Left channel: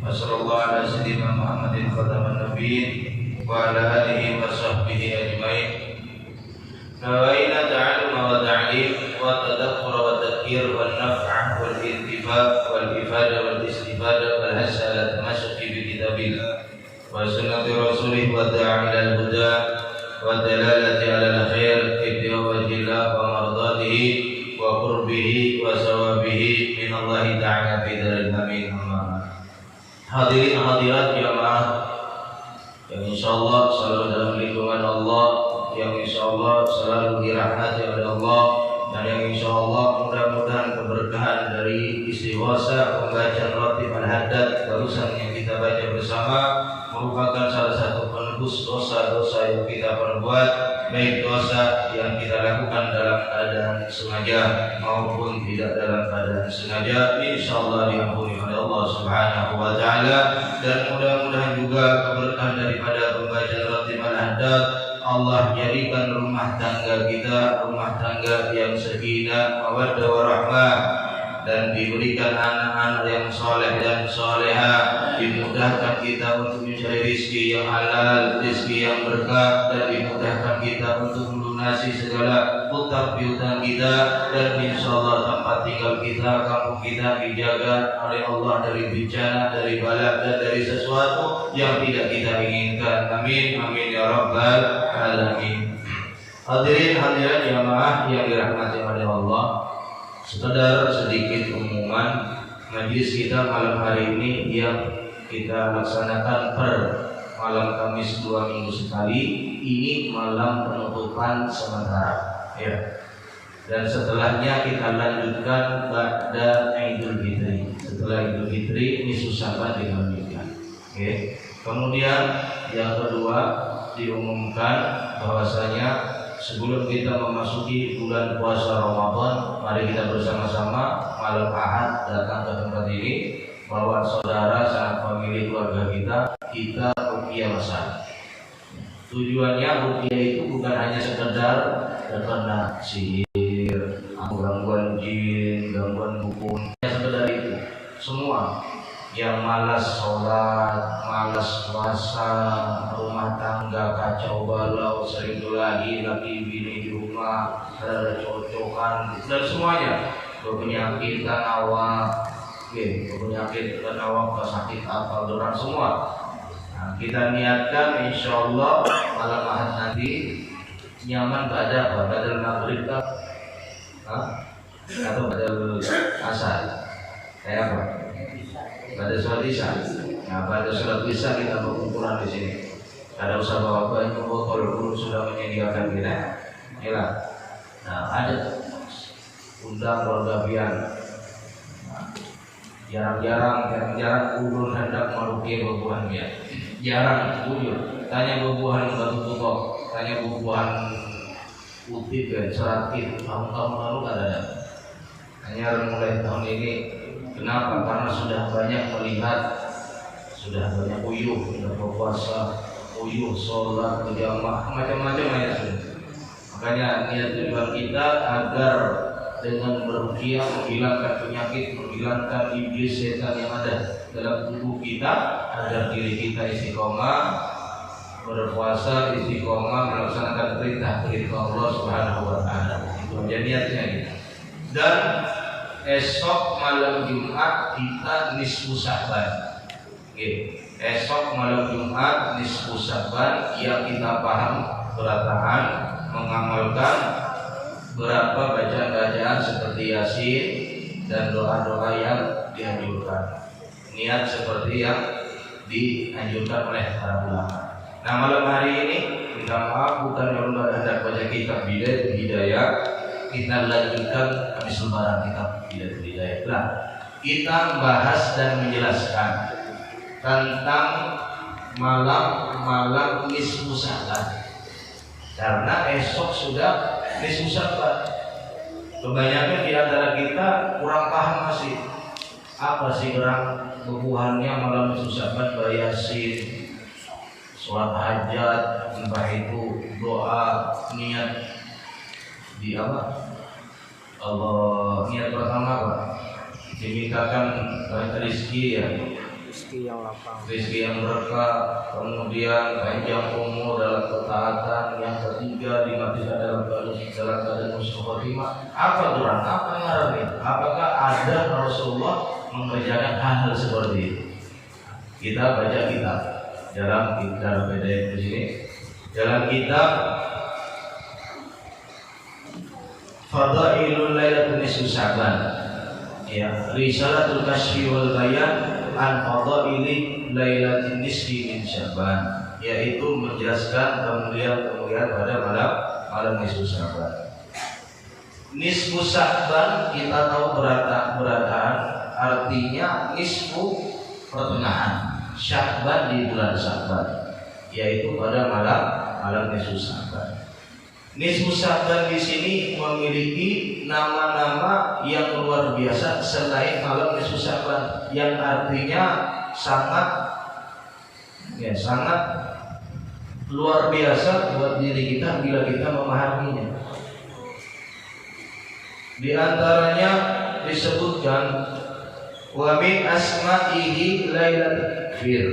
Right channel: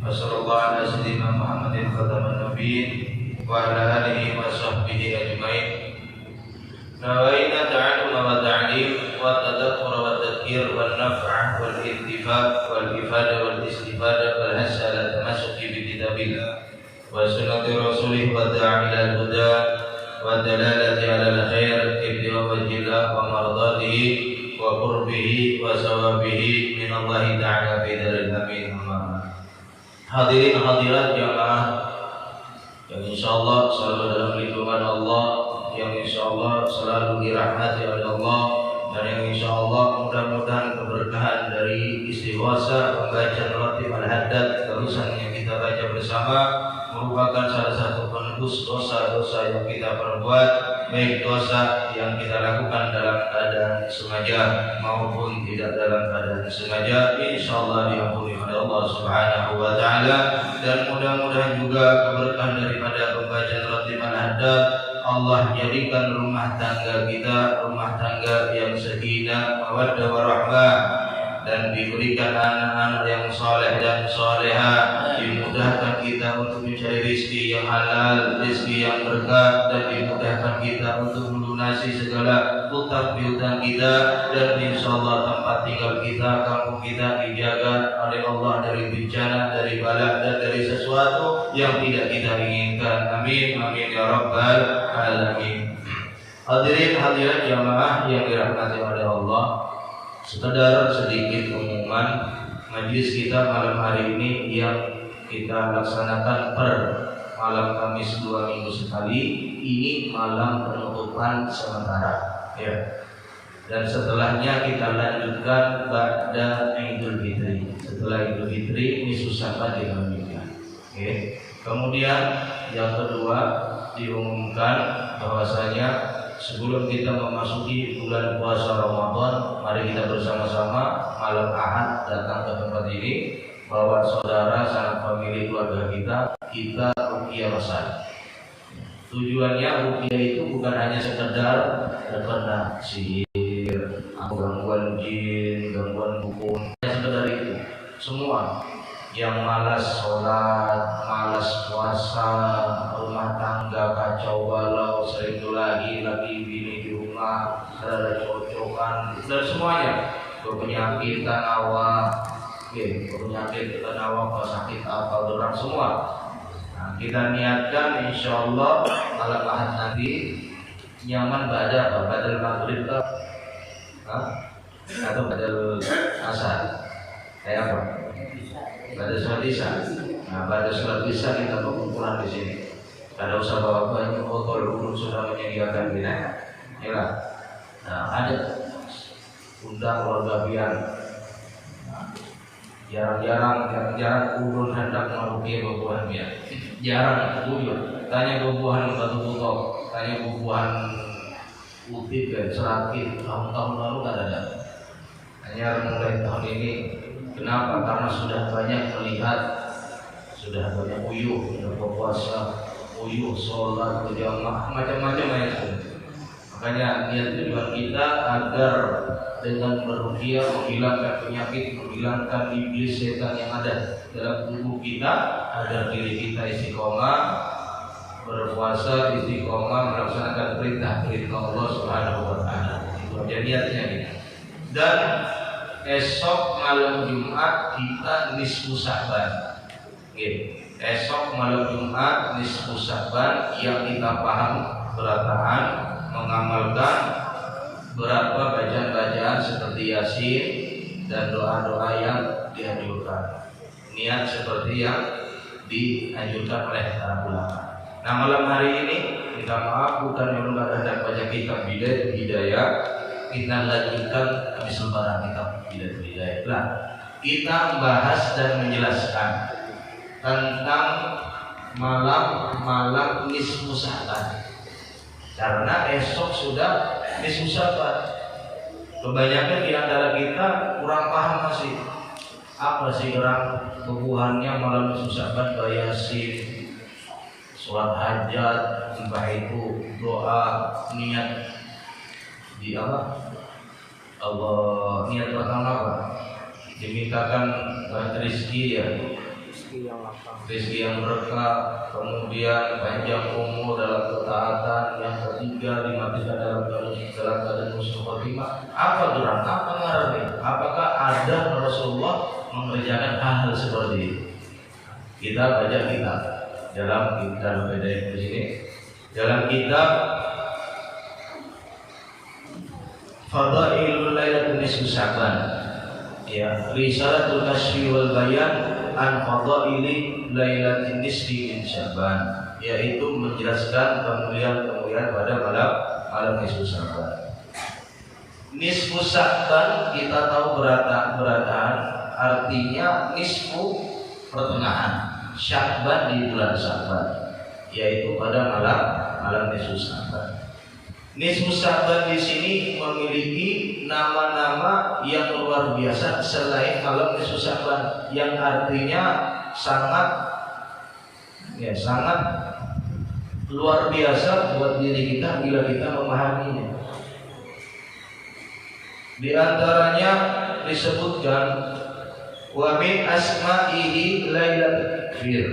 wa sallallahu ala sayyidina Muhammadin khataman nabiyyin wa ala alihi wa sahbihi ajmain. Nawaina ta'alluma wa ta'lim wa tadabbur wa tadhkir wa naf'ah wal intifa' wal ifadah wal istifadah wal hasa ala tamassuki bi kitabillah wa sunnati rasulih wa da'a ila al-huda wa dalalati ala al-khair ibtiwa wajhillah wa mardatihi wa qurbihi wa sawabihi minallahi ta'ala fi daril amin. Hadirin hadirat jamaah yang insyaallah selalu dalam lindungan Allah, yang insyaallah selalu dirahmati oleh Allah, dan yang insyaallah mudah-mudahan keberkahan dari istighosah pembacaan Ratib Al-Haddad barusan yang kita baca bersama merupakan salah satu penebus dosa-dosa yang kita perbuat, baik dosa yang kita lakukan dalam keadaan sengaja maupun tidak dalam keadaan sengaja, insyaallah diampuni oleh Allah Subhanahu wa taala. Dan mudah-mudahan juga keberkahan daripada pembacaan Ratib Al-Haddad Allah jadikan rumah tangga kita rumah tangga yang sakinah, mawaddah warahmah, dan diberikan anak-anak yang saleh dan salehah, dimudahkan kita untuk mencari rezeki yang halal, rezeki yang berkah, dan dimudahkan kita untuk melunasi segala hutang piutang kita, dan insyaallah tempat tinggal kita, kampung kita dijaga oleh Allah dari bencana, dari bala, dan dari sesuatu yang tidak kita inginkan. Amin amin ya rabbal alamin. Hadirin hadirat jamaah yang dirahmati oleh Allah, sekedar sedikit pengumuman majlis kita malam hari ini yang kita laksanakan per malam Kamis 2 minggu sekali. Ini malam penutupan sementara ya. Dan setelahnya kita lanjutkan pada Idul Fitri. Setelah Idul Fitri ini susah dilanjutkan. Oke. Kemudian yang kedua diumumkan bahwasanya sebelum kita memasuki bulan puasa Ramadan, mari kita bersama-sama malam Ahad datang ke tempat ini, bawa saudara, sanak famili, keluarga kita ruqyah masal. Tujuannya ruqyah itu bukan hanya sekedar terkena sihir, gangguan jin, gangguan dukun, sekedar itu. Semua yang malas sholat, malas puasa, rumah tangga kacau balau, sering lagi bini di rumah, ada cocokan, dan semuanya berpenyakitan awak, berpenyakit awak, sakit apa, orang semua. Nah, kita niatkan insyaallah malam Ahad nanti nyaman pada apa? Badal maghrib atau badal asar? Kayak apa? Pada sholat isya. Nah, pada sholat isya kita berkumpulan di sini. Ada usaha bawa banyak botol pun sudah menyediakan kita. Inilah. Nah, ada undang keluarga pian. Jarang ulun hendak merugi bubuhan pian. Jarang ulun. Tanya bubuhan batu tutok, tanya bubuhan putih serakit. Tahun-tahun lalu tidak ada. Hanya mulai tahun ini. Kenapa? Karena sudah banyak melihat, sudah banyak uyuh, sudah berpuasa, uyuh, sholat, berjamaah, macam-macam ya. Makanya niat tujuan kita agar dengan beruqyah menghilangkan penyakit, menghilangkan iblis setan yang ada dalam tubuh kita, agar diri kita istiqomah berpuasa, istiqomah melaksanakan perintah-perintah Allah Subhanahu wa taala. Itu aja niatnya. Dan esok malam Jumat kita nisfu Sa'ban. Esok malam Jumat nisfu Sa'ban yang kita paham berataan mengamalkan berapa bacaan-bacaan seperti Yasin dan doa-doa yang dianjurkan. Niat seperti yang dianjurkan oleh para ulama. Nah, malam hari ini kita maaf bukan yang ada baca kitab Hidayah. Kita lanjutkan habis lebaran kitab Hidayah. Nah, kita bahas dan menjelaskan tentang malam nisfu Sa'ban. Karena esok sudah nisfu Sa'ban. Kebanyakan di antara kita kurang paham masih. Apa sih orang bubuhannya malam nisfu Sa'ban, bayasin, sholat hajat, entah itu doa, niat di apa? Allah, niat pertama apa? Dimintakan rezeki ya, rezeki yang lapang, rezeki yang berkah, kemudian panjang umur dalam ketaatan, yang ketiga dimatikan dalam keadaan husnul khotimah. Apa Tuhan? Apa ngarannya? Apakah ada Rasulullah mengerjakan hal seperti itu? Kita baca kitab dalam kitab beda di sini, dalam kitab Fadailul Lailatul Nisfu Sya'ban, ya, Risalatul Kasyfi wal Bayan an Fadaili Lailatul Nisfi min Sya'ban, yaitu menjelaskan kemuliaan pada malam nisfu Sya'ban. Nisfu Sya'ban kita tahu berataan, artinya nisfu pertengahan, Sya'ban di bulan Sya'ban, yaitu pada malam nisfu Sya'ban. Nisfu Sya'ban di sini memiliki nama-nama yang luar biasa selain malam nisfu Sya'ban, yang artinya sangat luar biasa buat diri kita bila kita memahaminya. Di antaranya disebutkan wa min asma'ihi lailatul fir.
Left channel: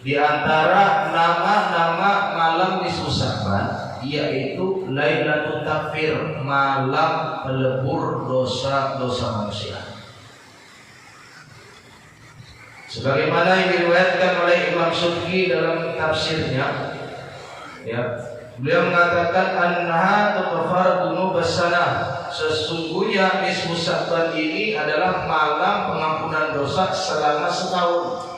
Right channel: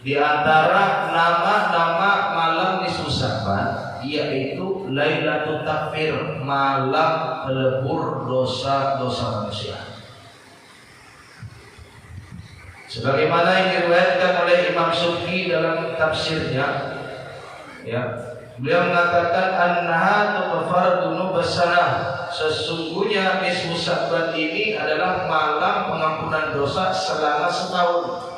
Di antara nama-nama malam nisfu Sya'ban yaitu Lailatul Takfir, malam pelebur dosa-dosa manusia. Sebagaimana yang diriwayatkan oleh Imam Subki dalam tafsirnya, ya, beliau mengatakan annaha tughfaru dzunubas sanah, sesungguhnya nisfu Sya'ban ini adalah malam pengampunan dosa selama setahun.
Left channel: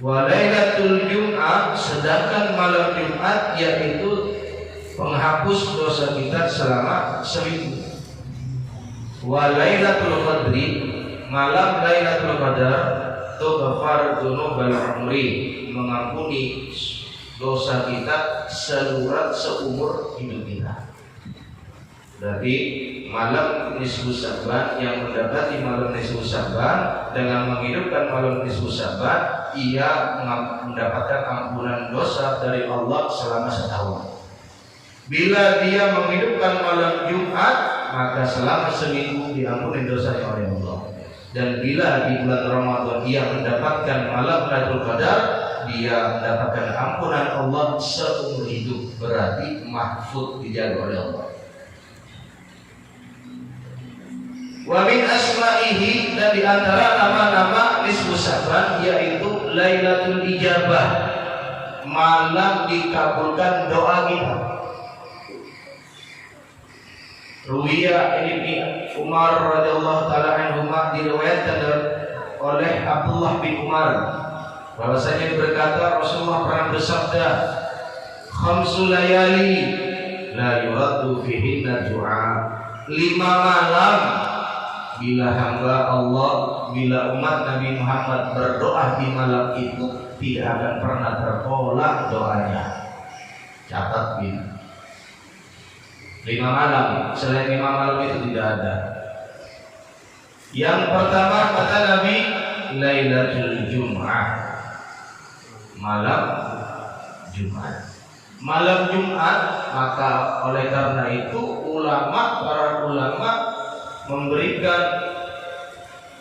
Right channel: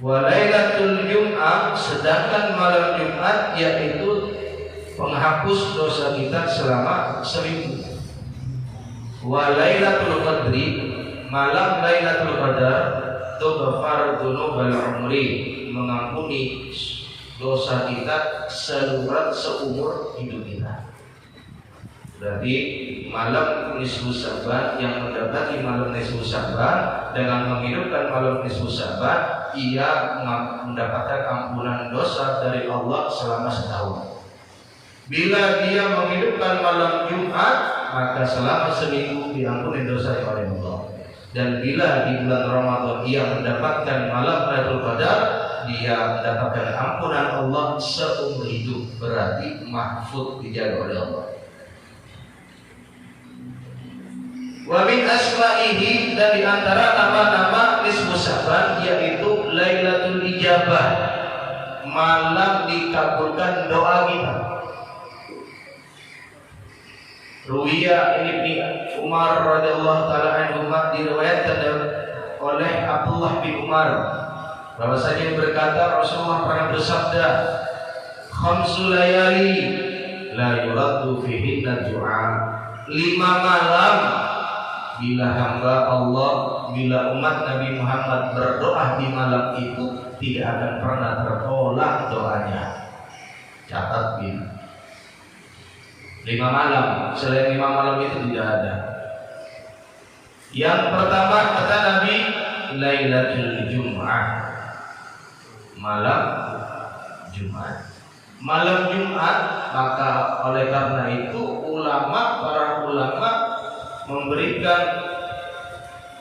Wa lailatul Jum'ah, sedangkan malam Jumat yaitu penghapus dosa kita selama seminggu. Wa lailatul Qadri, malam Lailatul Qadar, tughfaru dzunubal umri, mengampuni dosa kita seumur hidup kita. Berarti malam nisfu Sya'ban, yang mendapati malam nisfu Sya'ban dengan menghidupkan malam nisfu Sya'ban, ia mendapatkan ampunan dosa dari Allah selama setahun. Bila dia menghidupkan malam Jumat, maka selama seminggu diampuni dosa oleh Allah. Dan bila di bulan Ramadan ia mendapatkan malam Lailatul Qadar, dia mendapatkan ampunan Allah seumur hidup, berarti mahfuz, dijaga oleh Allah. Wa min asma'ihi, dan di antara nama-nama nisfu Sya'ban yaitu Lailatul Ijabah, malam dikabulkan doa kita. Ruwiya Ibnu Umar radhiyallahu taala anhu, diriwayatkan oleh Abdullah bin Umar bahwasanya berkata Rasulullah pernah bersabda, khamsul layali la yuraddu fihinna du'a, 5 malam bila hamba Allah, bila umat Nabi Muhammad berdoa di malam itu tidak akan pernah tertolak doanya. Catat ini 5 malam, selain 5 malam itu tidak ada. Yang pertama kata Nabi, Lailatul Jum'ah, malam Jumat. Malam Jumat, maka oleh karena itu para ulama memberikan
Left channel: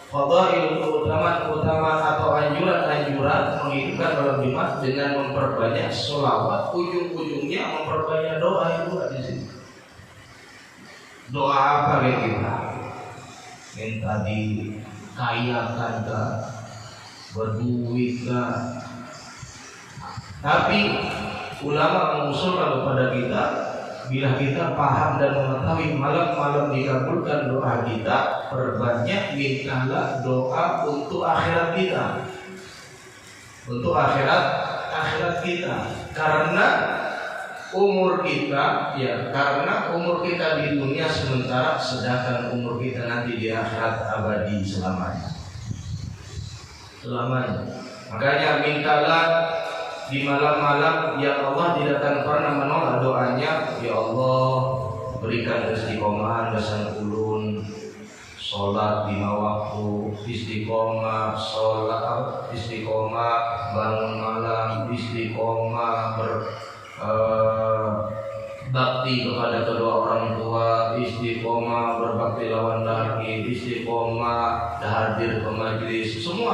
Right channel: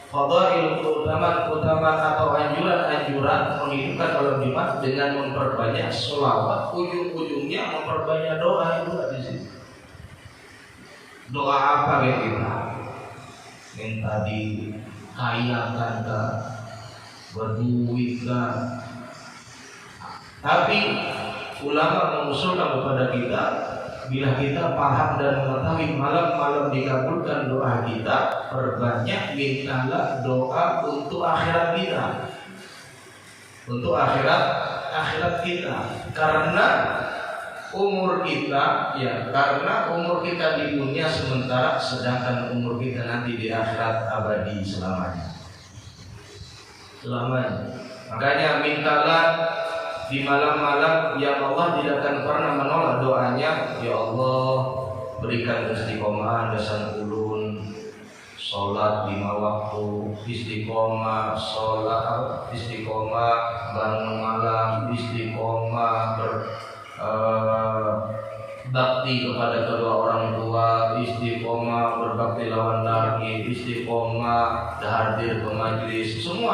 fadail, keutamaan atau anjuran menghidupkan malam Jumat dengan memperbanyak sholawat, ujung-ujungnya memperbanyak doa itu di sini. Doa apa yang kita minta dikayakan kah, berduit kah? Tapi ulama mengusulkan kepada kita, bila kita paham dan mengetahui malam-malam dikabulkan doa kita, perbanyak mintalah doa untuk akhirat kita, untuk akhirat kita, karena umur kita di dunia sementara, sedangkan umur kita nanti di akhirat abadi selamanya. Makanya mintalah di malam-malam yang Allah tidak akan pernah menolak doanya. Ya Allah, berikan istiqomah dasar ulun, sholat 5 waktu, istiqomah sholat, istiqomah bangun malam, istiqomah bakti kepada kedua orang tua, istiqomah berbakti lawan laki, istiqomah hadir ke majlis. Semua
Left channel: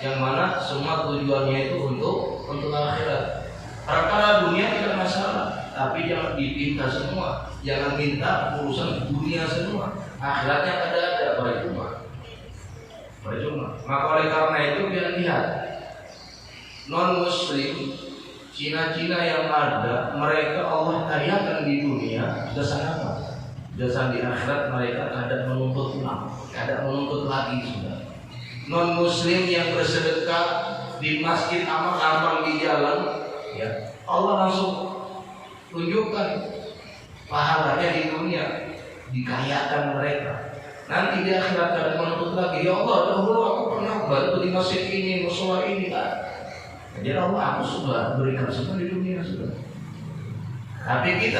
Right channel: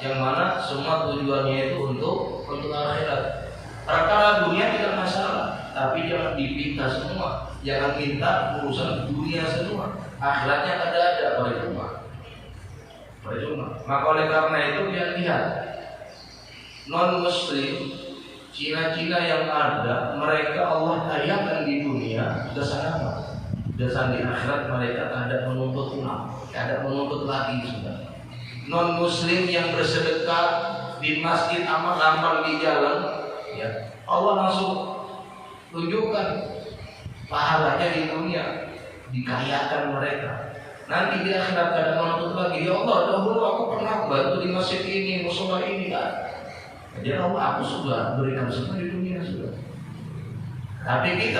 yang mana semua tujuannya itu untuk akhirat. Perkara dunia tidak masalah, tapi jangan dipinta semua, jangan minta urusan dunia semua. Akhiratnya ada percuma. Maka oleh karena itu lihat non muslim Cina-Cina yang ada, mereka Allah tayangkan di dunia jasa apa? Jasa di akhirat mereka ada menuntut ulang, ada menuntut lagi sudah. Non muslim yang bersedekah di masjid amal-amal di jalan, ya Allah langsung tunjukkan pahalanya di dunia, dikayakan mereka. Nanti di akhirat ada menuntut lagi. Ya Allah, dahulu aku pernah bantu di masjid ini, musola ini, kan? Jadi Allah, aku sudah berikan semua di dunia sudah. Tapi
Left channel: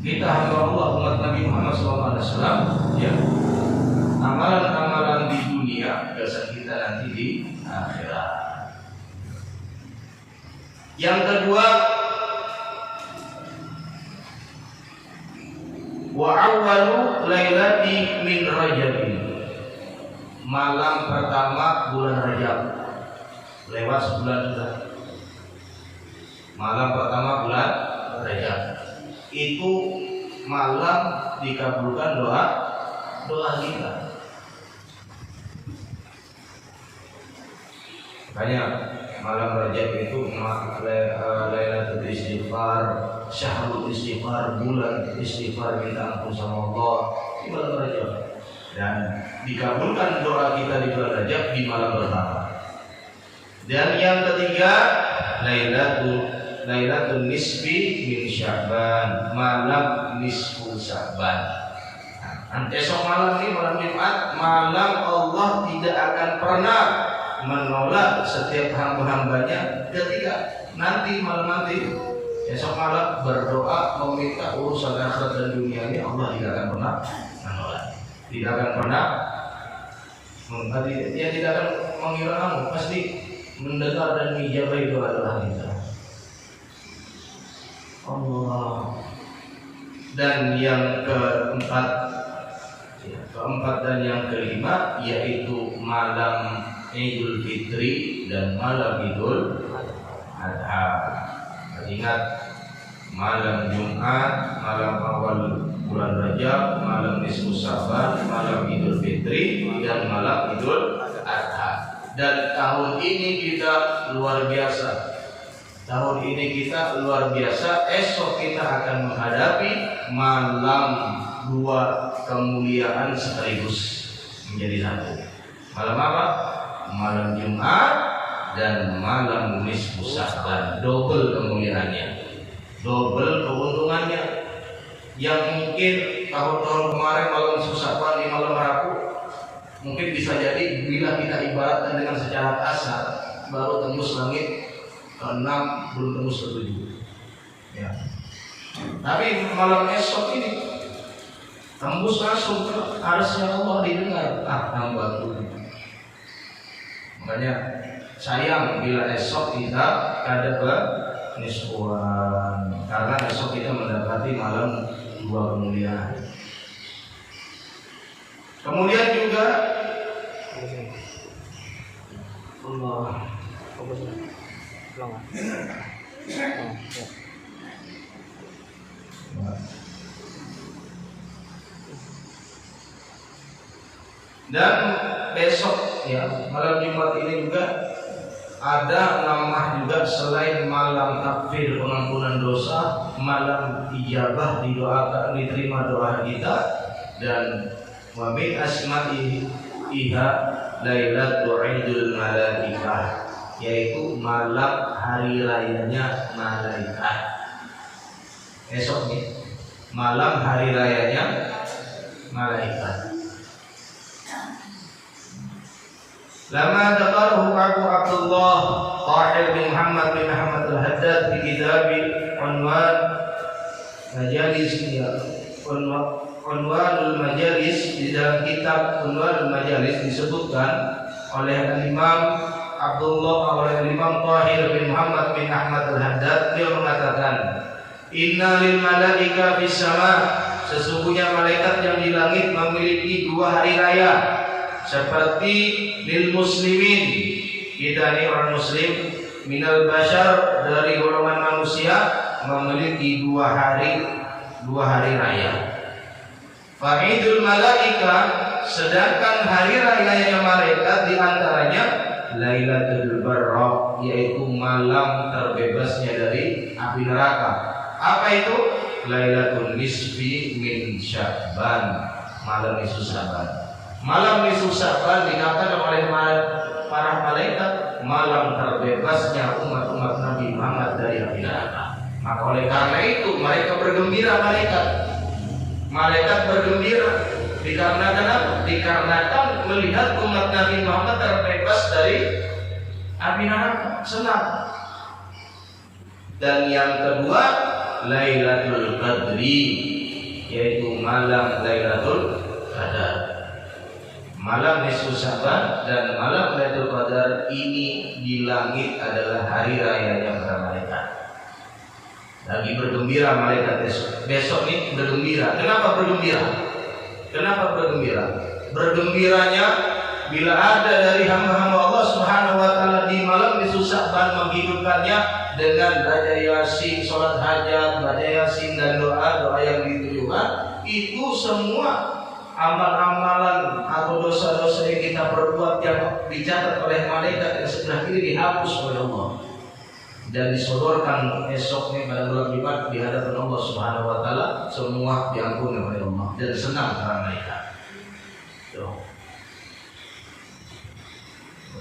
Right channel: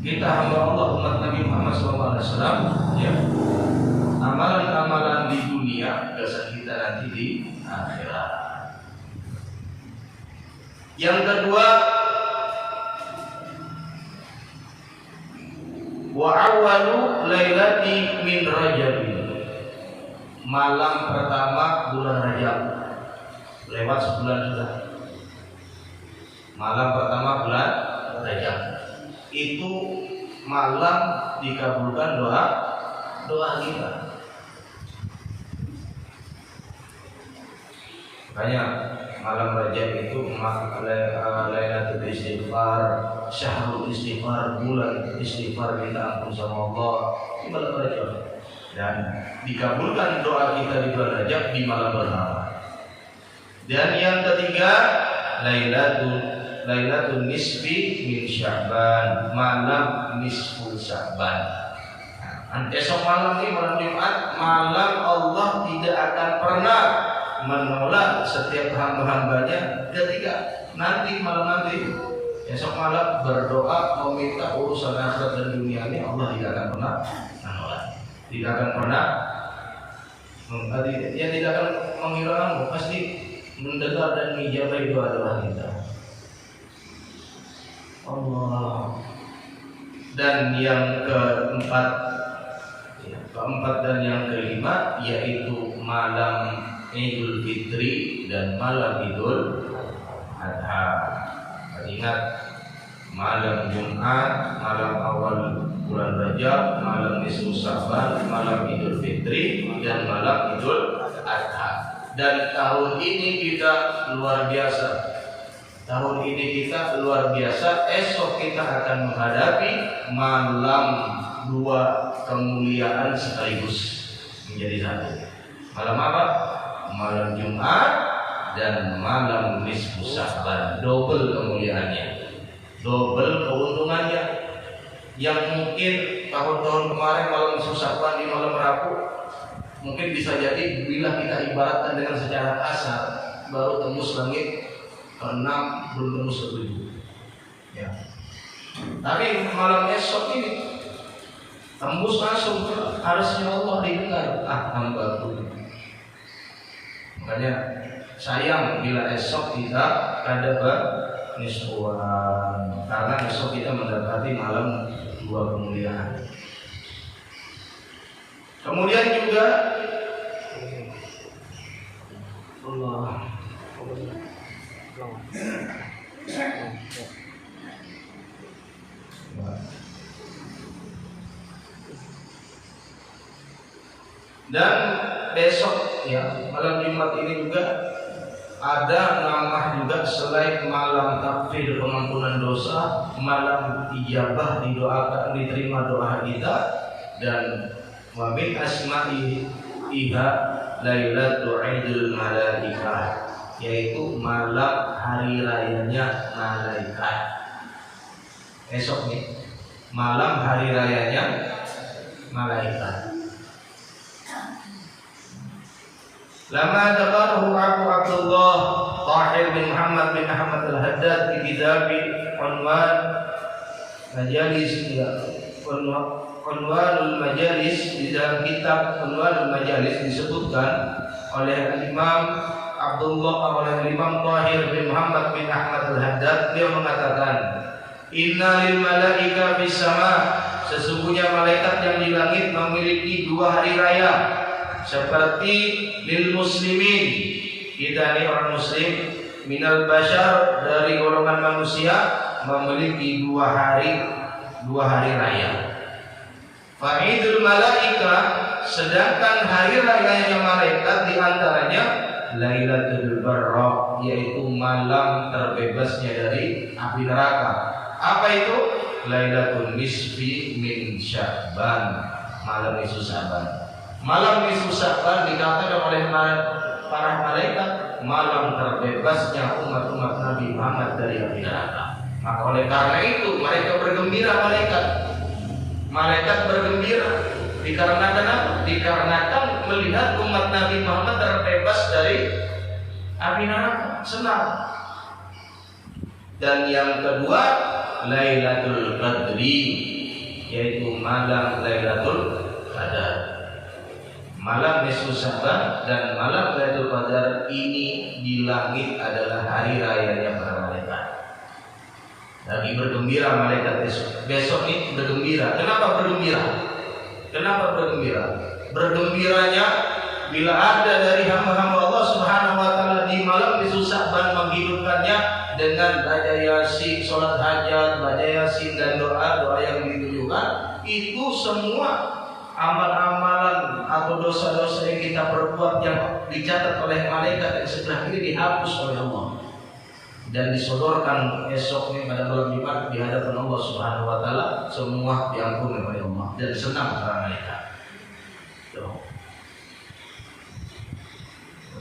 kita hamba Allah, umat Nabi Muhammad SAW, ya, amalan-amalan di dunia biasa kita nanti di akhirat. Yang kedua, wa awwalu lailati min Rajab, malam pertama bulan Rajab. Lewat sebulan sudah. Malam pertama bulan Rajab itu malam dikabulkan doa kita. Makanya malam Rajab itu Lailatul Istighfar, Syahrul Istighfar, bulan istighfar kita ampun sama Allah di malam Rajab. Dan dikabulkan doa kita di bulan Rajab di malam pertama. Dan yang ketiga, Lailatul Nisfi min Sya'ban, malam nisfu Sya'ban. Esok malam ini, malam Jumat, malam Allah tidak akan pernah menolak setiap hamba-hambanya ketika nanti esok malam berdoa meminta urusan akhirat dan dunia ini, Allah tidak akan pernah menolak, tidak akan pernah tidak akan menghilangkan, pasti mendengar dan menjabai doa-doa kita. Allah. Dan yang keempat dan yang kelima yaitu malam Idul Fitri dan malam Idul Adha. Ingat, malam Jumat, malam awal bulan Rajab, malam nisfu Sya'ban, malam Idul Fitri dan malam Idul Adha. Dan tahun ini kita luar biasa. Esok kita akan menghadapi malam dua kemuliaan sekaligus menjadi satu. Malam apa? Malam Jumat dan malam nisfu Sya'ban. Double kemuliaannya, double keuntungannya. Yang mungkin tahun-tahun kemarin malam nisfu Sya'ban di malam Rabu, mungkin bisa jadi bila kita ibaratkan dengan secara kasar, baru tembus langit ke-6, belum tembus ke-7. Ya. Tapi malam esok ini tembus langsung ke arsy Allah, didengar hamba Tuhan. Makanya sayang bila esok kita ada nisfuan, karena esok kita mendapati malam dua kemuliaan. Kemudian juga Allah dan besok ya, malam Jumat ini juga ada nama juga selain malam takfir pengampunan dosa, malam ijabah, didoakan, diterima doa kita, dan wa min asma'iha Lailatul Idul Malaikah, yaitu malam hari rayanya malaikat. Esok nih malam hari rayanya malaikat. Lama dzakarahu Abu Abdullah Tahir bin Muhammad bin Ahmad al-Haddad di kitab Unwan Majalis, Unwanul Majalis. Di dalam kitab Unwanul Majalis disebutkan oleh Imam Abdullah, oleh Imam Tahir bin Muhammad bin Ahmad al-Haddad, dia mengatakan, inna lil malaika fis sama, sesungguhnya malaikat yang di langit memiliki dua hari raya. seperti lil muslimin, kita ini orang muslim, minal bashar, dari golongan manusia, memiliki dua hari raya. Fa'idul malaika, sedangkan hari rayanya malaikat diantaranya Lailatul Barra, yaitu malam terbebasnya dari api neraka. Apa itu? Lailatul Nisfi min Sya'ban, malam nisfu Sya'ban. Malam nisfu Sya'ban dikatakan oleh para malaikat malam terbebasnya umat-umat Nabi Muhammad dari api neraka. Maka oleh karena itu mereka bergembira, malaikat bergembira dikarenakan apa? Dikarenakan melihat umat Nabi Muhammad terbebas dari api neraka, senang. Dan yang kedua, Lailatul Qadri, yaitu malam Lailatul Qadar. Malam nisfu Sya'ban dan malam Lailatul Qadar ini di langit adalah hari raya yang para malaikat. Lagi bergembira malaikat besok ini bergembira. Kenapa bergembira? Bergembiranya bila ada dari hamba-hamba Allah Subhanahu wa taala di malam nisfu Sya'ban menghidupkannya dengan baca Yasin, salat hajat, baca Yasin dan doa-doa yang ditujukan, itu semua amal-amalan atau dosa-dosa yang kita perbuat yang dicatat oleh malaikat yang sebelah kiri dihapus oleh Allah dan disodorkan esoknya pada bulan Jumat di hadapan Allah Subhanahu wa taala, semua diampuni oleh Allah dan senang para malaikat.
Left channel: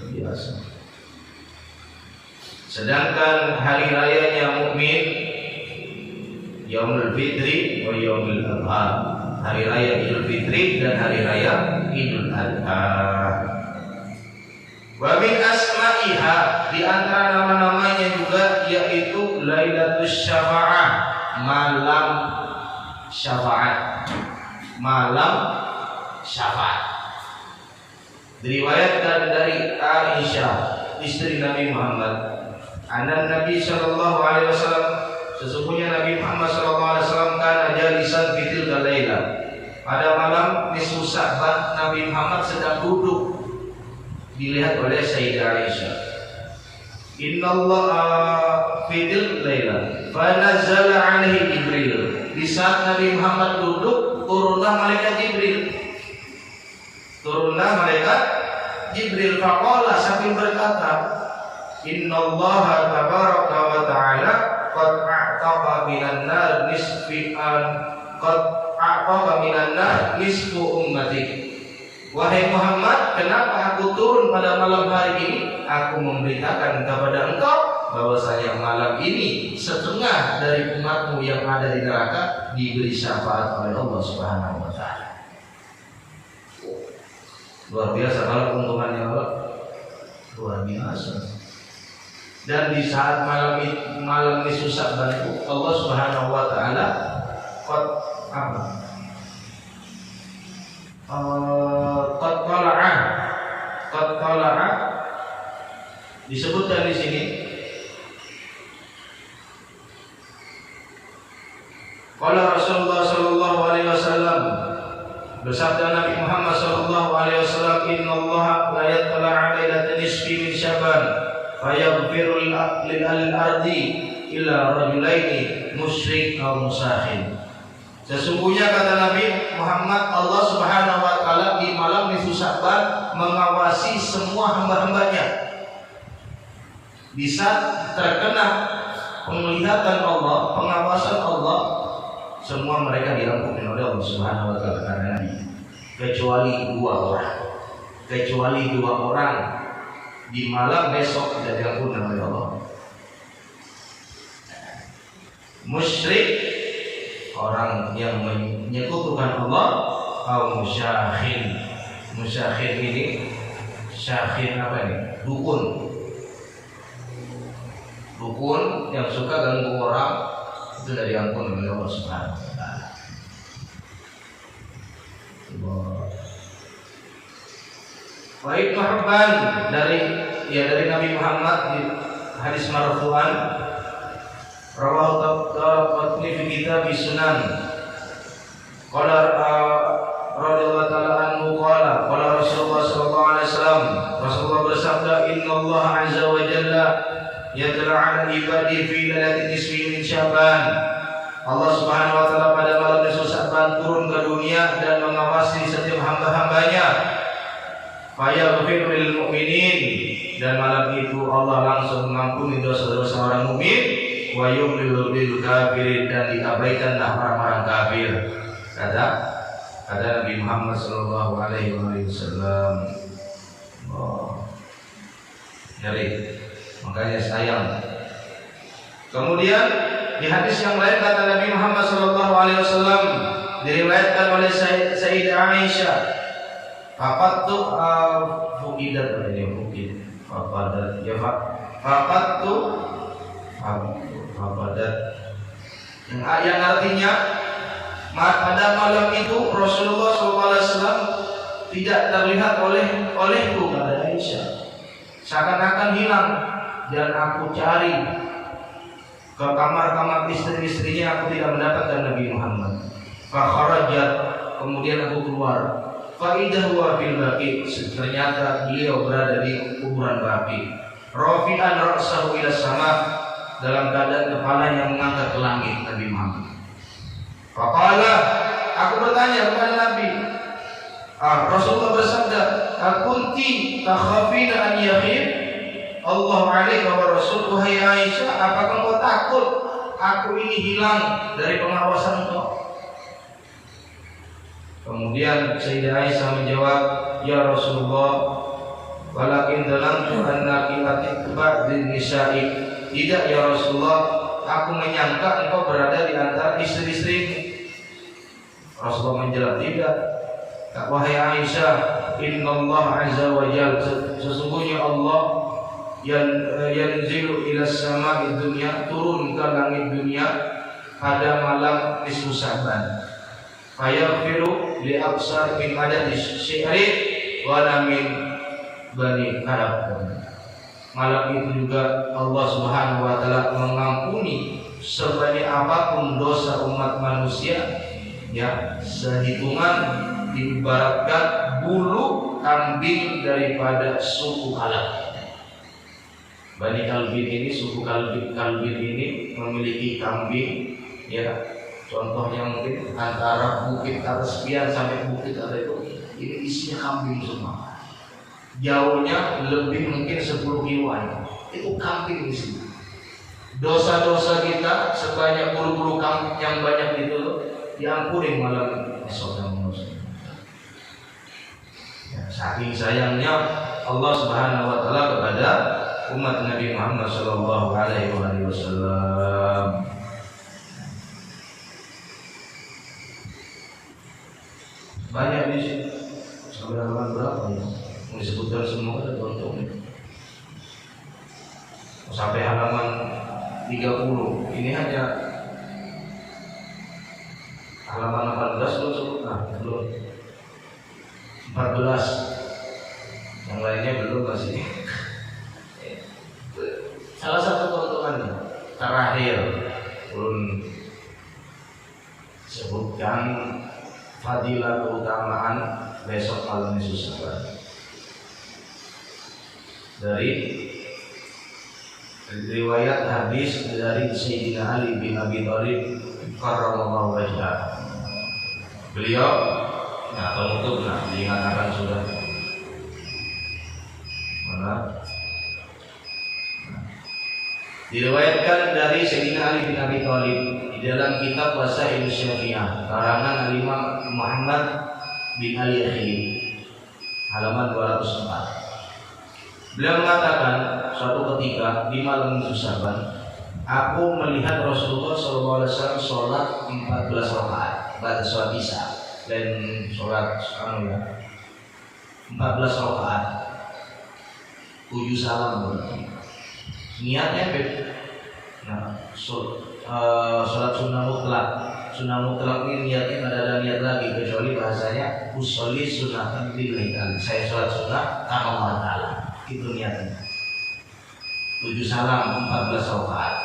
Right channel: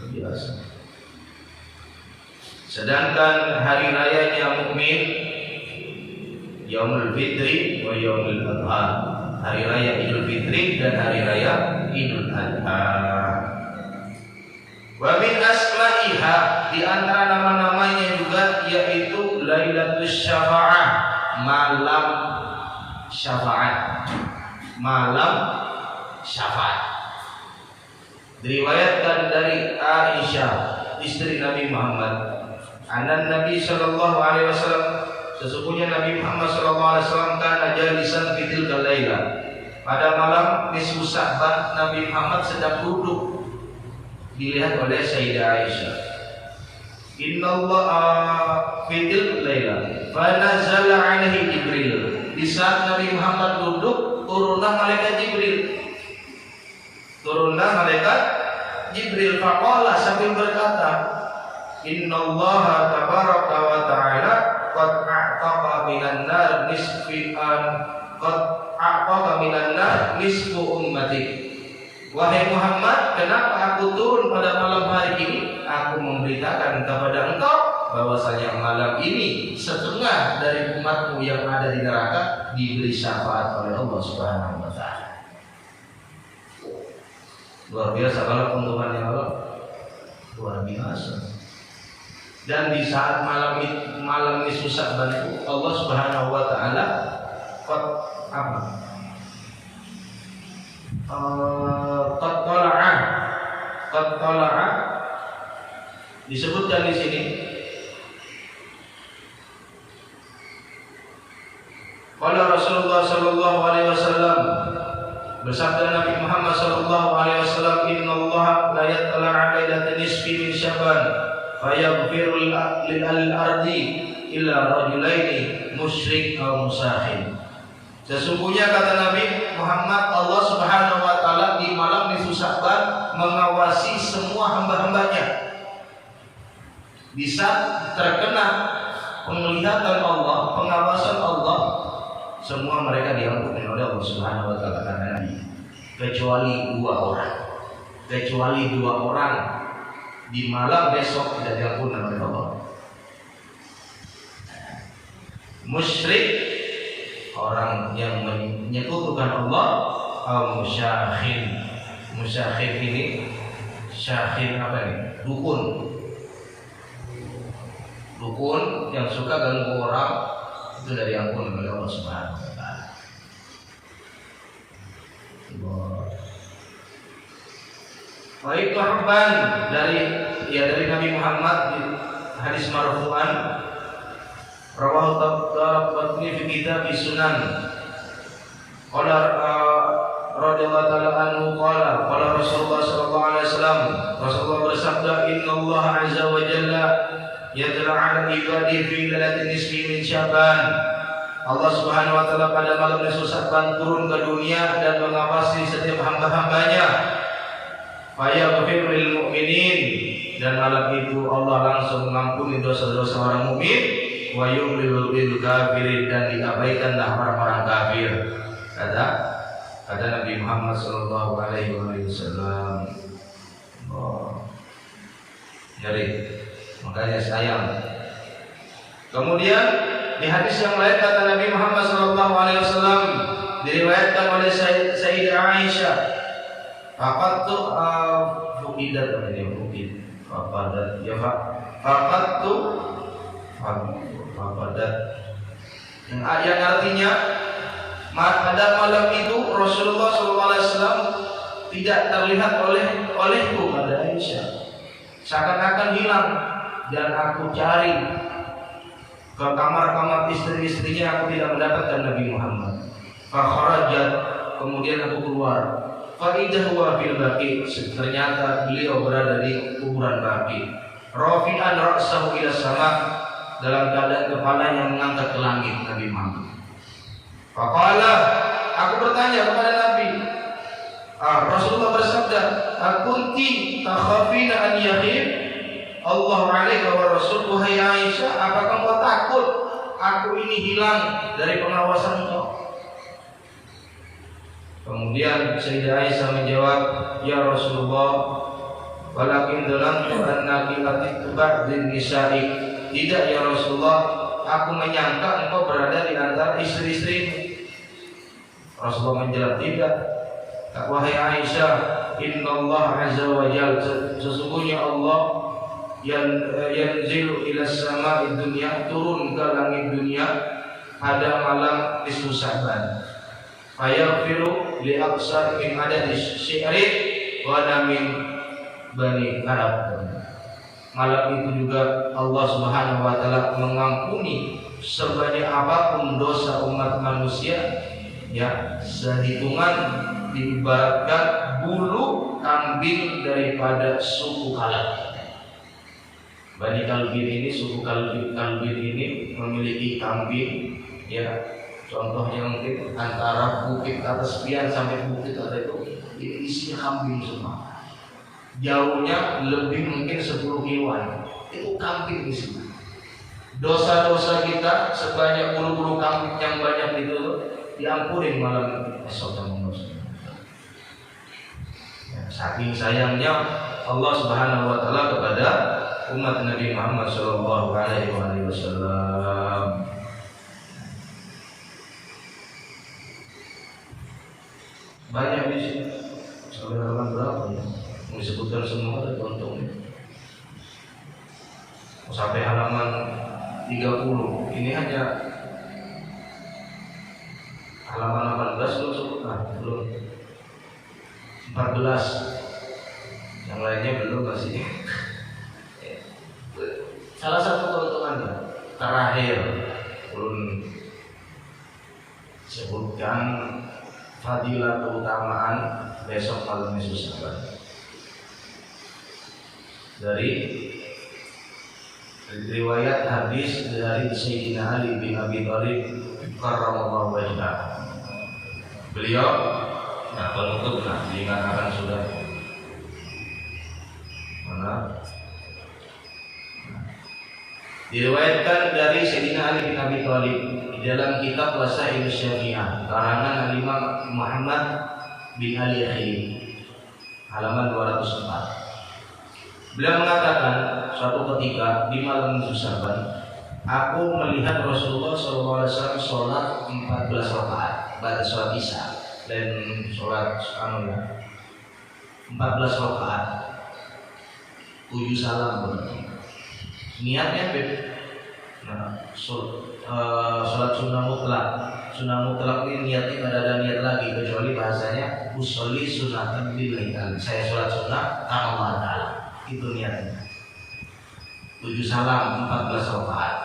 Biasa. Sedangkan hari rayanya mukmin Yaumul Fitri wa Yaumul Adha, hari raya Idul Fitri dan hari raya Idul Adha. Wa min asma'iha, di antara nama-namanya juga yaitu Lailatul Syafa'ah, malam syafaat. Malam syafaat. Diriwayatkan dari Aisyah, istri Nabi Muhammad, anan Nabi sallallahu alaihi wasallam, sesungguhnya Nabi Muhammad sallallahu alaihi wasallam kana jalisan fi tilkal laila, pada malam nisfu Sya'ban Nabi Muhammad sedang duduk, dilihat oleh Sayyidah Aisyah. Innallaha fi tilkal laila fa nazala alaihi Jibril, di saat Nabi Muhammad duduk turunlah malaikat Jibril faqala, sambil berkata, innallaha tabaraka wa ta'ala qad a'taqa minan nar nisfu ummatik. Wahai Muhammad, kenapa aku turun pada malam hari ini? Aku memberitakan kepada engkau bahwasanya malam ini setengah dari umatmu yang ada di neraka diberi syafaat oleh Allah Subhanahu wa taala. Luar biasa kalau keuntungannya Allah, luar biasa. Dan di saat malam nisfu Sya'ban itu Allah Subhanahu wa taala qad tala'a disebutkan di sini. Qala Rasulullah sallallahu alaihi wasallam, bersabda Nabi Muhammad sallallahu alaihi wasallam, innallaha la yattala 'ala lailatin nisfi min Sya'ban fayaghfiru lil ardi illa rajulaini musyrik aw musahhin. Sesungguhnya kata Nabi Muhammad, Allah Subhanahu wa taala di malam nisfu Sya'ban mengawasi semua hamba-hambanya. Bisa terkena penglihatan Allah, pengawasan Allah, semua mereka diampuni oleh Allah Subhanahu wa taala karena Nabi. Kecuali dua orang di malam besok tidak diampuni oleh Allah. Musyrik, orang yang menyekutukan Allah, atau musyahid. Musyahid ini syahid apa ini? Dukun yang suka ganggu orang, itu dari ampun oleh Allah Subhanahu wa taala. Wa Ibnu Hibban dari Nabi Muhammad di hadis marfu'an, rawahu Tabaqani fi kitab Sunan. Qala radhiyallahu ta'ala anhu qala Rasulullah yatla 'ala ibadi fi lailatin nisfi min Sya'ban. Allah Subhanahu wa taala pada malam nisfu Sya'ban turun ke dunia dan mengawasi setiap hamba-hambanya. Fayaghfiru lil mu'minin, dan malam itu Allah langsung mengampuni dosa-dosa orang mukmin, wa yumlil bil kafirin, dan diabaikanlah orang-orang kafir. Kata Nabi Muhammad sallallahu alaihi wasallam. Jadi makanya sayang. Kemudian di hadis yang lain kata Nabi Muhammad sallallahu alaihi wasallam, diriwayatkan oleh Sayyidah Aisyah, faqattu fuqidat ini mungkin fapadat ya faqattu fapadat, yang artinya pada malam itu Rasulullah SAW tidak terlihat olehku, kata Aisyah, seakan-akan hilang, dan aku cari ke kamar-kamar istri-istrinya, aku tidak mendapatkan Nabi Muhammad. Fa kharajat, kemudian aku keluar. Fa idza huwa fil baqi, ternyata beliau berada di kuburan Baqi. Rafi'an ra'sahu ila sama, dalam keadaan kepalanya mengangkat ke langit Nabi Muhammad. Faqala, aku bertanya kepada Nabi, Rasulullah bersabda, "Akunti takhafina an yakhif Allah 'alaika wa rasul?" Wahai Aisyah, apakah kau takut aku ini hilang dari pengawasan kau? Kemudian Sayyidah Aisyah menjawab, "Ya Rasulullah, walakin dalamtu annaki atitba bin nisa'i." Tidak ya Rasulullah, aku menyangka engkau berada di antara istri-istrimu. Rasulullah menjawab, tidak. Wahai Aisyah, Innallaha azza wa jalla, sesungguhnya Allah yanzilu ila sama'i dunya, turun ke langit dunia pada malam nisfu Sya'ban. Fayaghfiru li aqsar min adadi syi'ri wa min bani Arab. Malam itu juga Allah Subhanahu wa taala mengampuni sebanyak apapun dosa umat manusia, ya, sehitungan diibaratkan bulu kambing daripada suku Kalb. Bani Kalbin ini, suku Kalbin ini memiliki kambing, ya, contohnya mungkin antara bukit atas sekian sampai bukit atas itu, ini isinya kambing semua. Jauhnya lebih mungkin 10 kiloan, itu kambing di sini. Dosa-dosa kita sebanyak bulu-bulu kambing yang banyak itu diampuni malam esok dan malam. Ya, saking sayangnya Allah Subhanahu wa taala kepada umat Nabi Muhammad sallallahu alaihi wasallam. Banyak di sini. Sampai halaman berapa ya? Disebutkan semua ada contohnya. Sampai halaman 30. Ini hanya halaman 18 belum sebut, belum 14, yang lainnya belum masih. Salah satu keuntungannya terakhir belum sebutkan fadilah keutamaan besok malam Yesus dari riwayat hadis dari Sayyidina Ali bin Abi Thalib karramallahu wajhahu. Beliau, kalau itu diingatkan sudah mana? Diriwayatkan dari Sayyidina Ali bin Abi Thalib di dalam kitab Wasail Syafi'ah karangan Imam Muhammad bin Ali Akhili, halaman 204. Beliau mengatakan, suatu ketika di malam Sya'ban, aku melihat Rasulullah SAW sholat 14 rakaat pada sholat Isya dan sholat 14 rakaat, 7 salam berarti. Niatnya beda. Nah, sholat sunnah mutlak. Sunnah mutlak ini niatnya tidak ada niat lagi kecuali bahasanya usolli sunnatan lillahi. Saya sholat sunnah karena Allah Ta'ala. Itu niatnya. 7 salam 14 rakaat.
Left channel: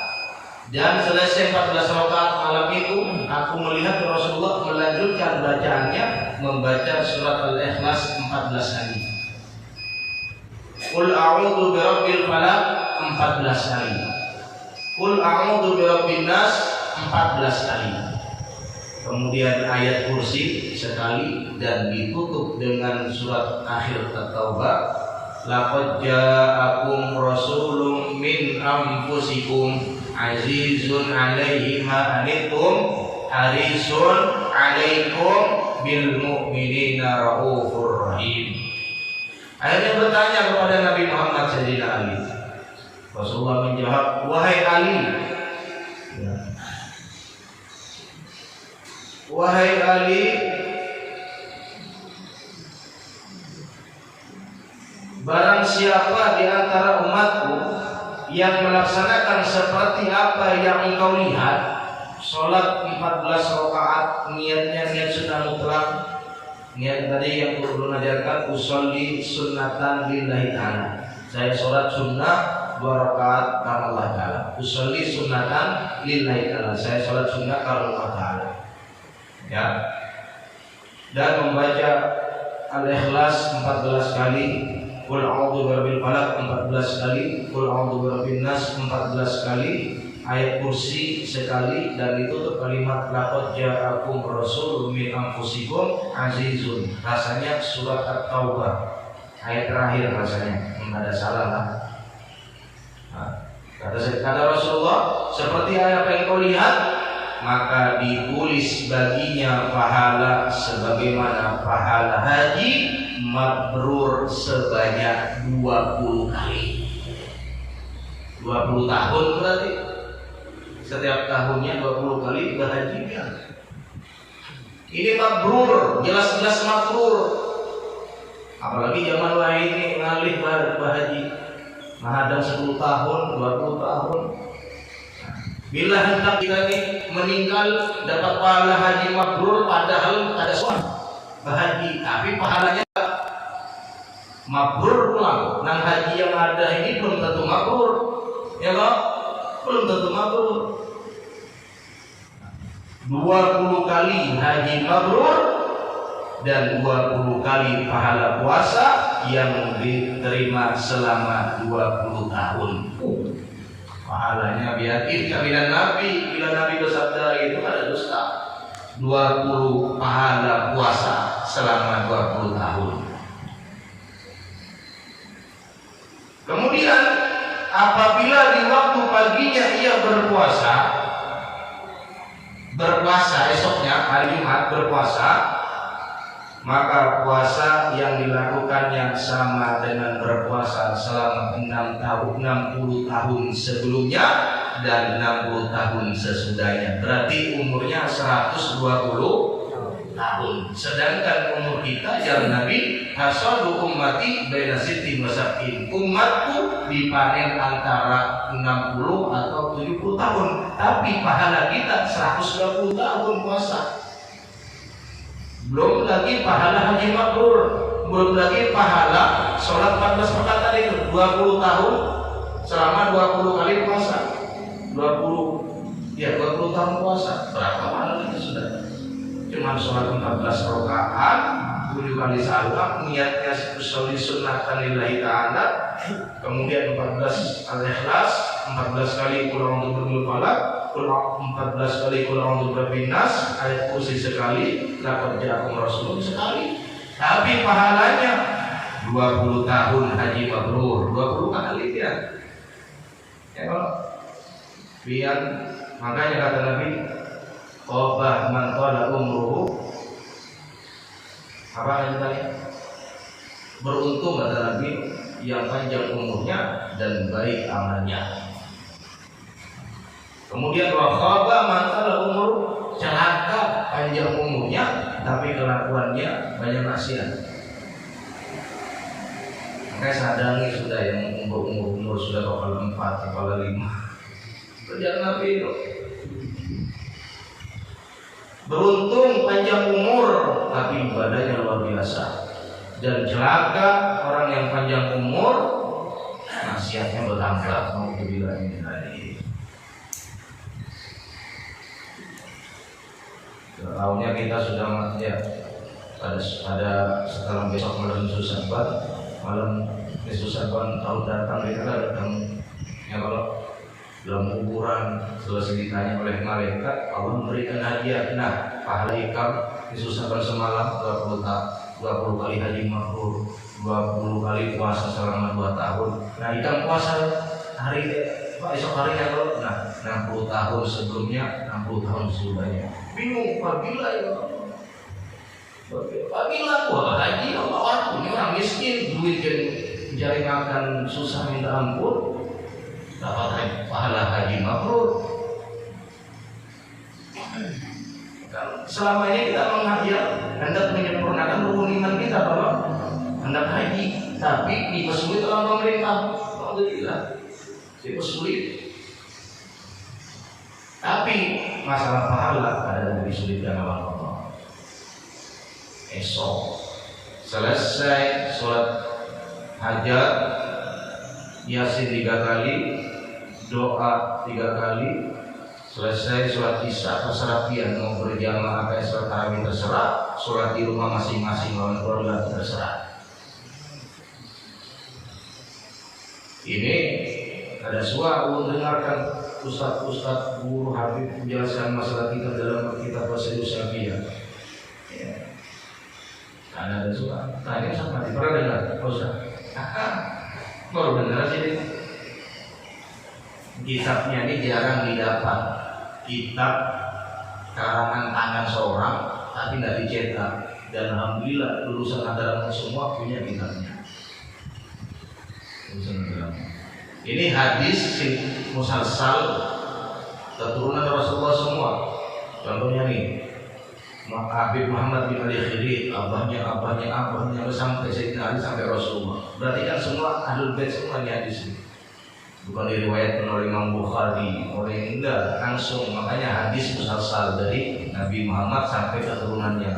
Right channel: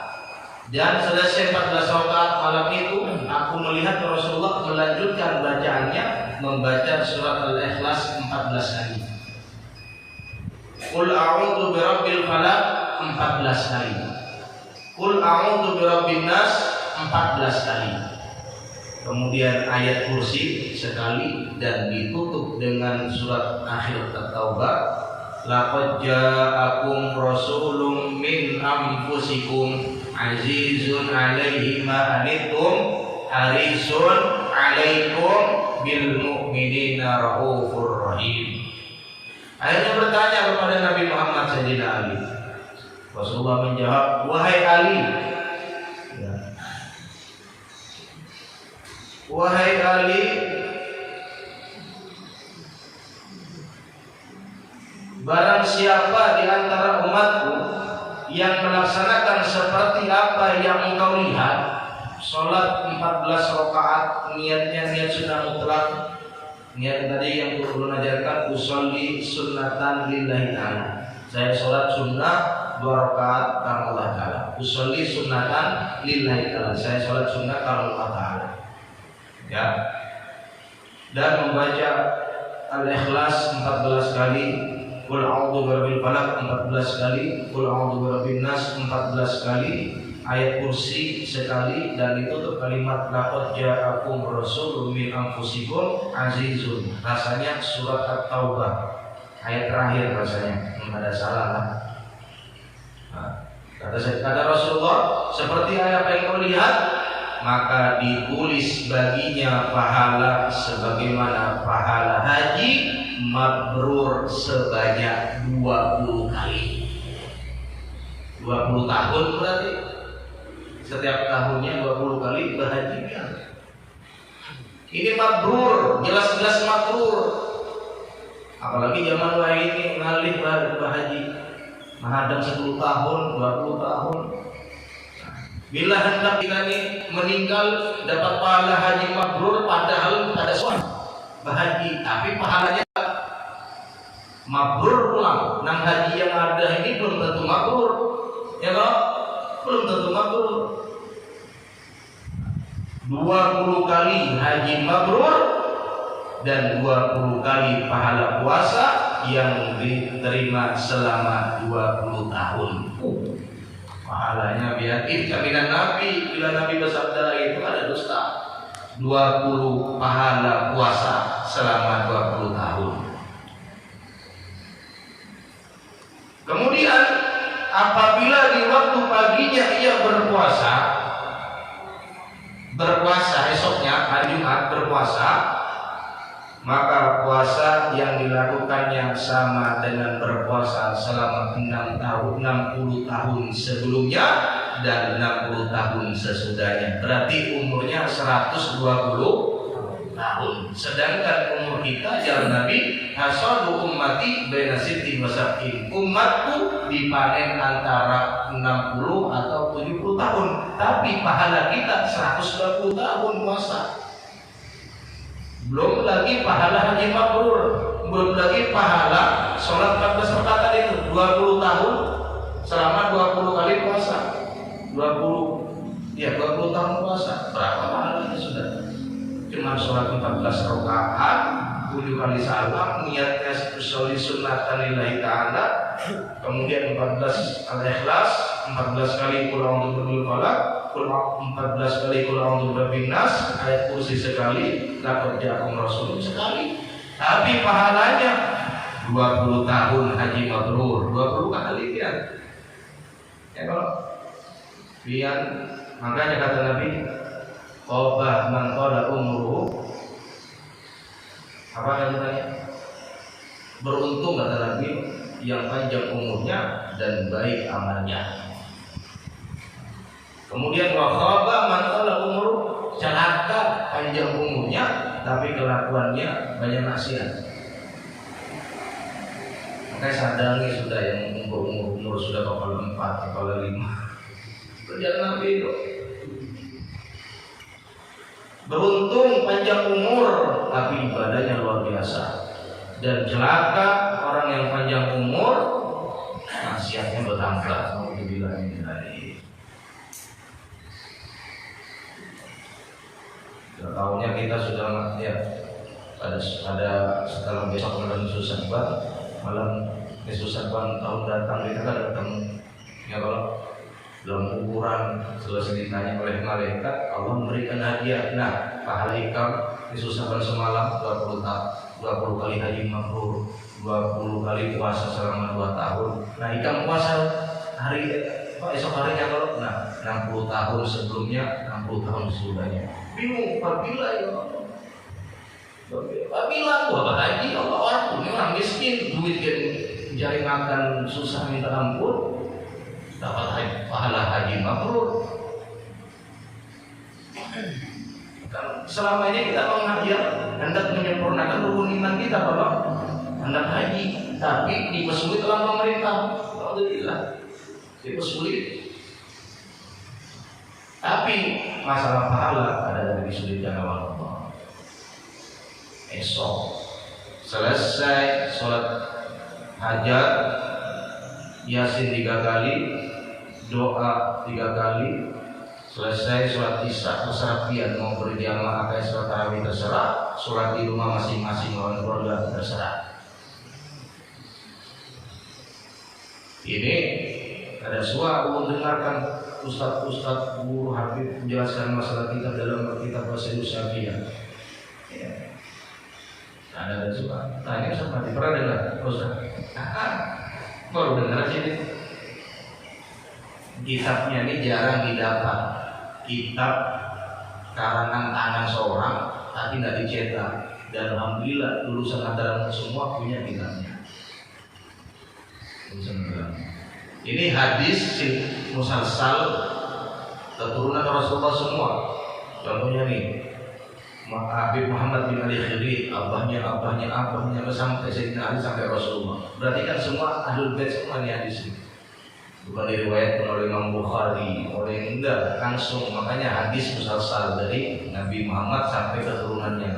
Dan selesai 14 rakaat malam itu, aku melihat Rasulullah melanjutkan bacaannya, membaca surat Al-Ikhlas 14 kali. Qul a'udzu birabbil falaq 14 kali. Qul a'udzu birabbin nas 14 kali. Kemudian ayat kursi sekali dan ditutup dengan surat akhir At-Taubah. Laqad ja'akum rasulun min anfusikum azizun 'alaihi ma anittum harisun 'alaikum bil mu'minina raufur rahim. Akhirnya bertanya kepada Nabi Muhammad Sayyidina Ali. Rasulullah menjawab, wahai Ali, ya. Wahai Ali, barang siapa di antara umatku yang melaksanakan seperti apa yang engkau lihat, sholat 14 rakaat, niatnya niat sunnah mutlak, niat tadi yang belum ajarkan, usolli sunnatan lillahi ta'ala, saya sholat sunnah 2 rakaat karena Allah Ta'ala. Usolli sunnatan lillahi ta'ala, saya sholat sunnah karena Allah Ta'ala, ya. Dan membaca Al-Ikhlas 14 kali, Qul a'udzu birabbil falaq 14 kali, Qul a'udzu birabbin nas 14 kali, ayat kursi sekali, dan ditutup kalimat laqad ja'akum rasulun min anfusikum azizun. Rasanya surat At-Taubah ayat terakhir, rasanya enggak ada salah lah. Kata Rasulullah, seperti ayat yang kau lihat, maka ditulis baginya pahala sebagaimana pahala haji mabrur sebanyak 20 kali. 20 tahun berarti setiap tahunnya 20 kali berhajinya. Ini mabrur, jelas-jelas mabrur. Apalagi zaman wahai ini ngalih berhaji, menghadang 10 tahun, 20 tahun. Bila hendak kita ini meninggal dapat pahala haji mabrur, padahal pada suami berhaji, tapi pahalanya mabrur pulang. Nang haji yang ada ini belum tentu mabrur, ya kok? Belum tentu mabrur. 20 kali haji mabrur dan 20 kali pahala puasa yang diterima selama 20 tahun. Pahalanya biar kehadiran Nabi, bila Nabi bersabda itu ada dusta. 20 pahala puasa selama 20 tahun. Kemudian apabila di waktu paginya ia berpuasa esoknya hari Jumat berpuasa, maka puasa yang dilakukannya sama dengan berpuasa selama 60 tahun sebelumnya dan 60 tahun sesudahnya. Berarti umurnya 120 tahun. Sedangkan umur kita jalan Nabi, hasadu ummati baina sittin wa sab'in. Umatku dipanen antara 60 atau 70 tahun, tapi pahala kita 120 tahun puasa. Belum lagi pahala haji mabrur, belum lagi pahala sholat 14 rakaat itu 20 tahun selama 20 kali puasa. 20 tahun puasa. Berapa pahalanya sudah? Cuma sholat 14 rakaat, 7 kali salam, niatnya sholli sunnatan lillahi ta'ala, kemudian 14 Al-Ikhlas, 14 kali Qul a'udzu birabbil falaq, 14 kali Qul a'udzu birabbin nas, ayat kursi sekali, laqad ja'akum rasulun sekali. Tapi pahalanya 20 tahun haji mabrur, 20 kali ya. Ya kalau biar makanya kata Nabi, qobah man qala umruhu, apa yang tadi? Beruntung kata Nabi yang panjang umurnya dan baik amalnya. Kemudian wa khaba man qala umru, celaka panjang umurnya tapi kelakuannya banyak maksiat. Makanya sadangi sudah yang umur sudah kepala 4, kepala 5. Kerjaan Nabi itu. Beruntung panjang umur tapi ibadahnya luar biasa. Dan celaka orang yang panjang umur maksiatnya bertambah. Mau dibilang ini tadi. Tahunnya kita sudah ya pada setelah besok malam Susaban, malam Susaban tahun datang kita datang Ya kalau dalam kuburan selesai ditanya oleh malaikat, Allah memberikan hadiah. Nah, pahala ikam disusahkan semalam 20 kali haji mabrur, 20 kali puasa selama 2 tahun. Nah, ikam puasa esok harinya kalau 60 tahun sebelumnya, 60 tahun sesudahnya. Bingung, apabila ya Allah. Apabila aku haji, Allah orang punya orang miskin, duit yang mencari makan susah minta ampun, dapat pahala haji mabrur. Selama ini kita hendak menyempurnakan rukun iman kita bahwa hendak haji, tapi dipersulit oleh pemerintah. Alhamdulillah, dipersulit. Tapi masalah pahala ada dari disulitkan oleh Allah. Esok selesai sholat hajat, Yasin 3 kali, doa 3 kali, selesai sholat isya terserah pian mau berjamaah kayak sholat tarawih terserah, sholat di rumah masing-masing lawan keluarga terserah. Ini ada suara dengarkan ustaz guru habib menjelaskan masalah kita dalam kitab Wasilus Syafiyah. Ya. Ada suara. Tanya Ustaz Mati pernah dengar? Ustaz. Baru dengar sih. Kitabnya ini jarang didapat. Kitab karangan tangan seorang tapi nggak dicetak. Dan alhamdulillah lulusan Madaran semua punya kitabnya. Ini hadis musalsal keturunan Rasulullah semua. Contohnya nih, Habib Muhammad bin Ali Khidri, abahnya sampai Sayyidina Ali sampai Rasulullah. Berarti kan semua ahlul bait semua nih hadis ini. Bukan diriwayatkan oleh Imam Bukhari, oleh enggak langsung. Makanya hadis musalsal dari Nabi Muhammad sampai keturunannya.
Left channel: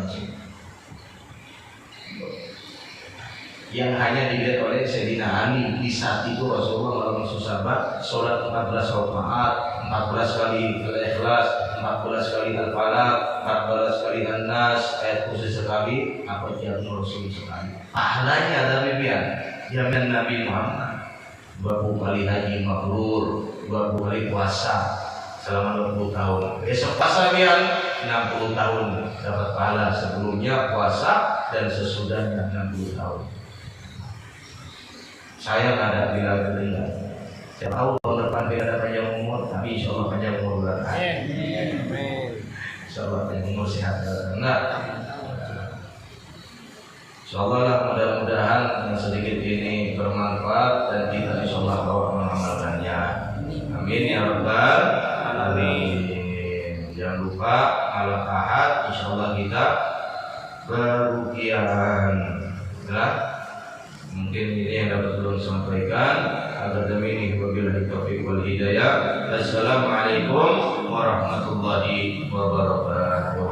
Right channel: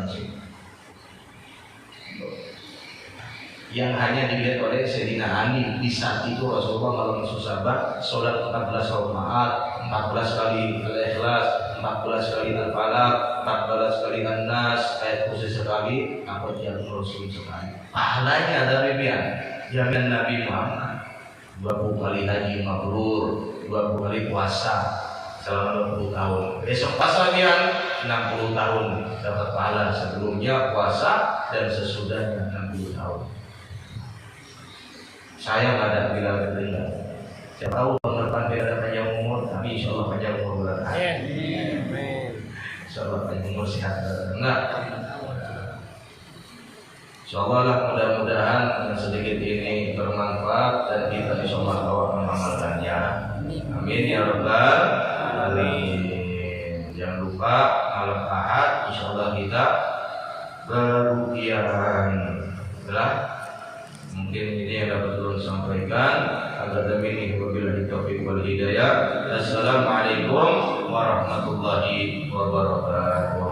Yang hanya dilihat oleh Sayyidina Ali. Di saat itu Rasulullah malam sahabat sholat 14 rakaat, 14 kali Al-Ikhlas, 14 kali Al-Falaq, 14 kali An-Nas, ayat kursi sekali, apa jamu Rasul sekali. Pahalanya ada bibian, jamin Nabi Muhammad 20 kali haji mabrur, 20 kali puasa selama 20 tahun. Besok pas lamiran 60 tahun dapat pahala sebelumnya puasa dan sesudahnya 60 tahun. Saya nggak ada bilang. Saya tahu tahun depan tidak ada panjang umur, tapi insya Allah panjang umur. Insya Allah panjang umur sehat. Enggak. Insya Allah lah mudah-mudahan yang sedikit ini bermanfaat dan kita insya Allah bawa mengamalkannya. Amin ya rabbal alamin. Jangan lupa malam Ahad insya Allah kita berukian. Mungkin ini yang dapat Tuhan sampaikan. Agar demi wabillahi taufiq wal hidayah. Assalamualaikum warahmatullahi wabarakatuh.